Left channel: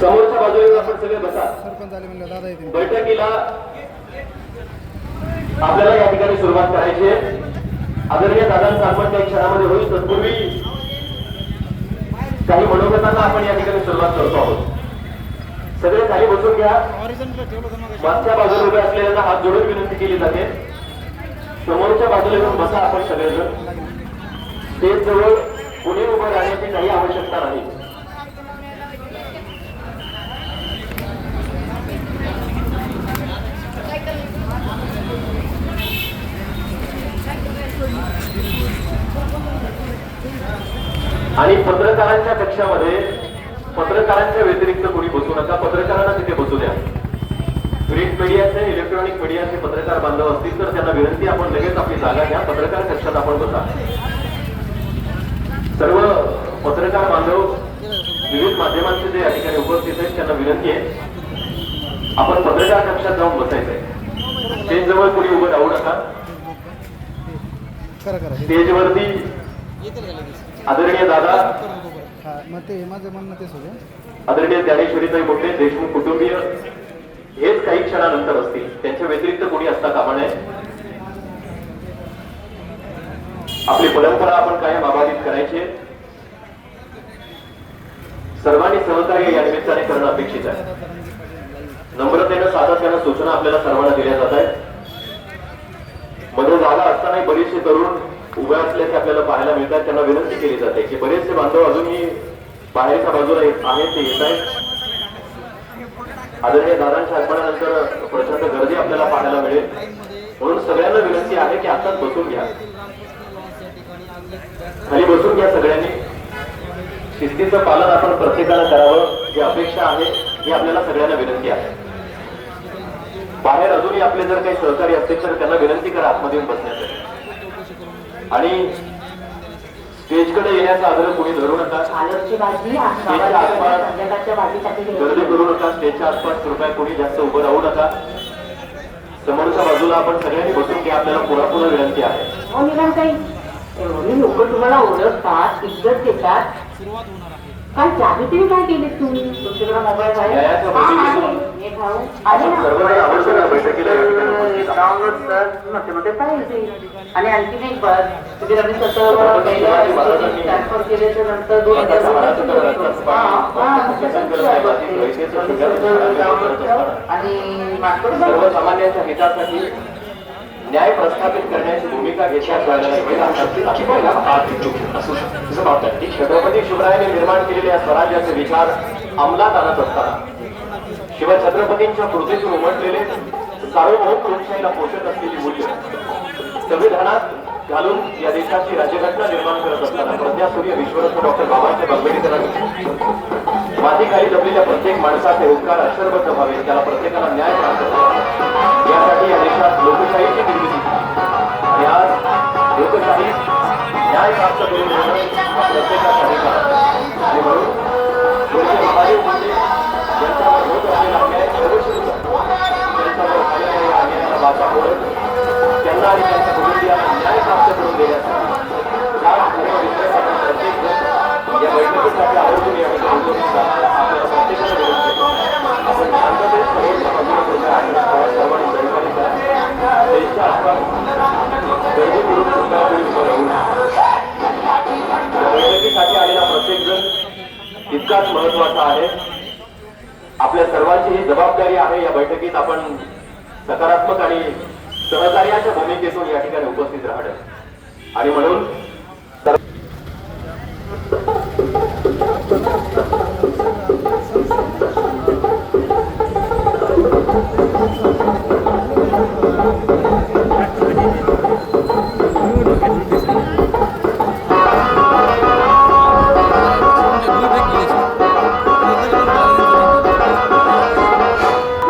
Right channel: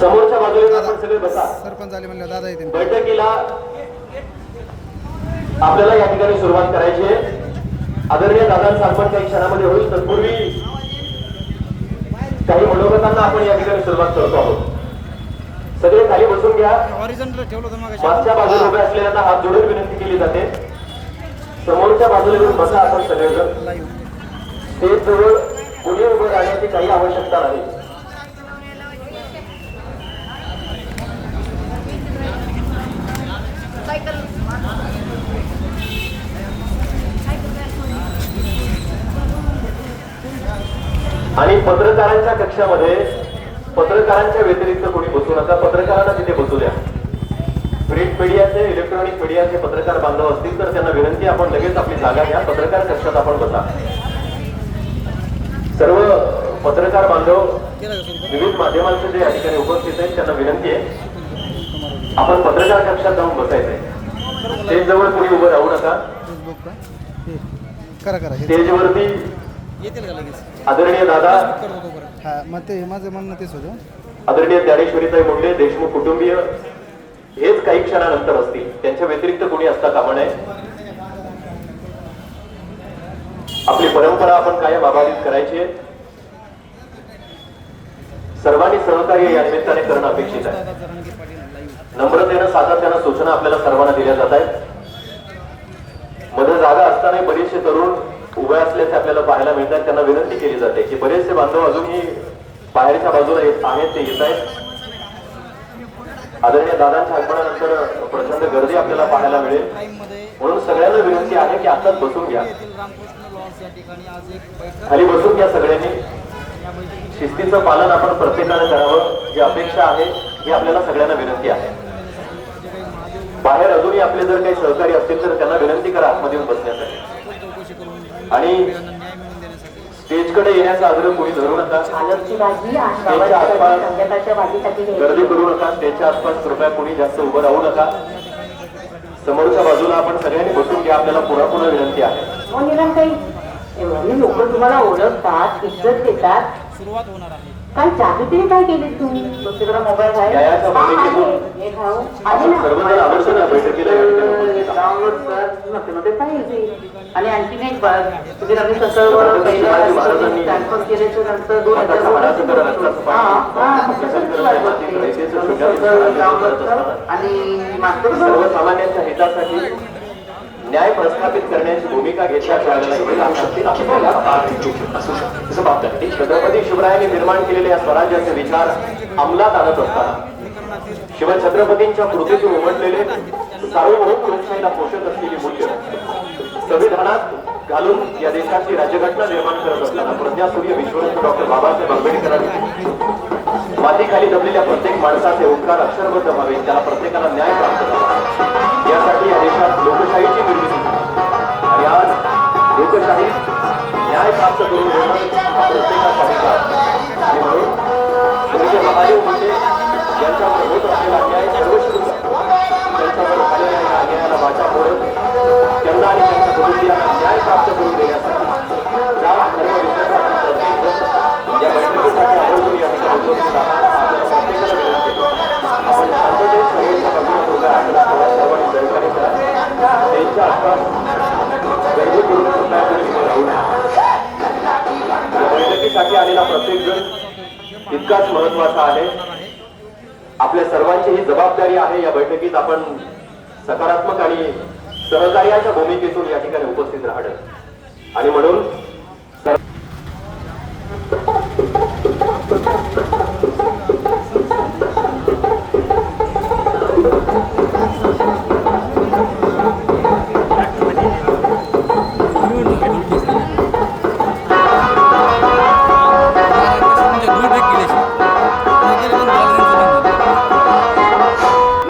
समोरच्या बाजूला आपण सगळे बसा. सरपंच आले म्हणलं दादा येते बैठकीला आपल्याला या ठिकाणी सुरुवात करायची आहे. आदरणीय दादांचा आपण काही क्षणामध्ये होईल तत्पूर्वी काही मनोगतांना आपण या ठिकाणी सुरुवात करतो आहोत. सगळे खाली बसून घ्या. मागच्या बाजूला उभे असलेल्यांना हात जोडून विनंती केली जाते. समोरच्या बाजूला बसा आपण सगळेजण. स्टेज जवळ कोणी उभं राहण्याची काही आवश्यकता नाही. आणि पत्रकारांच्या कक्षामध्ये पत्रकारांच्या व्यतिरिक्त कोणी बसू नका. पत्रकारांना तिथे बसू द्या. प्रिंट मीडियाचे इलेक्ट्रॉनिक मीडियाचे पत्रकार बांधव असतील तर त्यांना विनंती आपण लगेच आपली जागा घ्या. पत्रकार कक्षात आपण बसा. सर्व पत्रकार बांधव विविध माध्यमांचे जे या ठिकाणी उपस्थित आहेत त्यांना विनंती आहे. आपण पत्रकार कक्षात जाऊन बसायचंय. स्टेज जवळ कोणी उभं राहू नका. करा करा. स्टेजवरती आदरणीय दादा? हा मग ते माझं म्हणणं तेच होतं. आदरणीय ज्ञानेश्वरीताई मोठे देशमुख कुटुंबीय हेच काही क्षणानंतर असतील. त्यांच्या व्यतिरिक्त कोणी असता कामा नये. आपली परंपरा आपण कायम अबाधित करायची आहे. सर्वांनी सहकार्य या निमित्ताने करणं अपेक्षित आहे. नम्रतेनं सातत्यानं सूचना आपल्याला सर्वांना दिल्या जात आहेत. मध्ये जागा असतानाही बरेचसे तरुण उभे असल्याचे आपल्याला पाहायला मिळतात त्यांना विनंती केली जाते की बरेचसे बांधव अजूनही बाहेरच्या बाजूला येत आहेत ते येत आहेत. आदरणीय दादांच्या आगमनानंतर प्रचंड गर्दी आपल्याला पाहायला मिळेल. म्हणून सगळ्यांना विनंती आहे की आताच बसून घ्या. खाली बसून घ्या सगळ्यांनी. शिस्तीचं पालन आपण प्रत्येकाला करावं. जी अपेक्षा आहे ही आपल्याला सगळ्यांना विनंती आहे. बाहेर अजूनही आपले जर काही सहकारी असतील तर त्यांना विनंती करा आतमध्ये येऊन बसण्यासाठी. आणि स्टेजकडे येण्याचा आग्रह कोणी धरू नका. स्टेजच्या आसपास गर्दी करू नका. स्टेजच्या आसपास कृपया कोणी जास्त उभं राहू नका. समोरच्या बाजूला आपण सगळ्यांनी बसून घ्या. आपल्याला पुन्हा पुन्हा विनंती आहे. एवढी लोक तुम्हाला ओळखतात इज्जत देतात. काय जागृती काय केली तुम्ही? मोबाईल आहे. डाउनलोड पाहिजे. आणि आणखी एक तुम्ही कसं ट्रान्सफर केल्याच्यानंतर दोन डाउनलोड आणि सर्वसामान्यांच्या हितासाठी न्याय प्रस्थापित करण्याची भूमिका घेतल्या असं मानतात की छत्रपती शिवरायांनी निर्माण केलेले या स्वराज्याचे विचार अंमलात आणत असताना शिवछत्रपतींच्या कृतीतून उमटलेले सार्वभौम लोकशाहीला पोषक असलेली मूल्य संविधानात घालून या देशाची राज्यघटना निर्माण करत असताना प्रज्ञासूर्य विश्वरत्न डॉक्टर बाबासाहेब आंबेडकरांनी मातीखाली जमलेल्या प्रत्येक माणसाचे उपकार अक्षरबद्ध व्हावे त्याला प्रत्येकाला न्याय प्राप्त. यासाठी न्याय प्राप्त करून देणं हा प्रत्येकाचा अधिकार आणि म्हणून तितकाच महत्त्वाचा आहे. आपल्या सर्वांची ही जबाबदारी आहे. या बैठकीत आपण सकारात्मक आणि सहकार्याच्या भूमिकेतून या ठिकाणी उपस्थित राहणं. आणि म्हणून सर-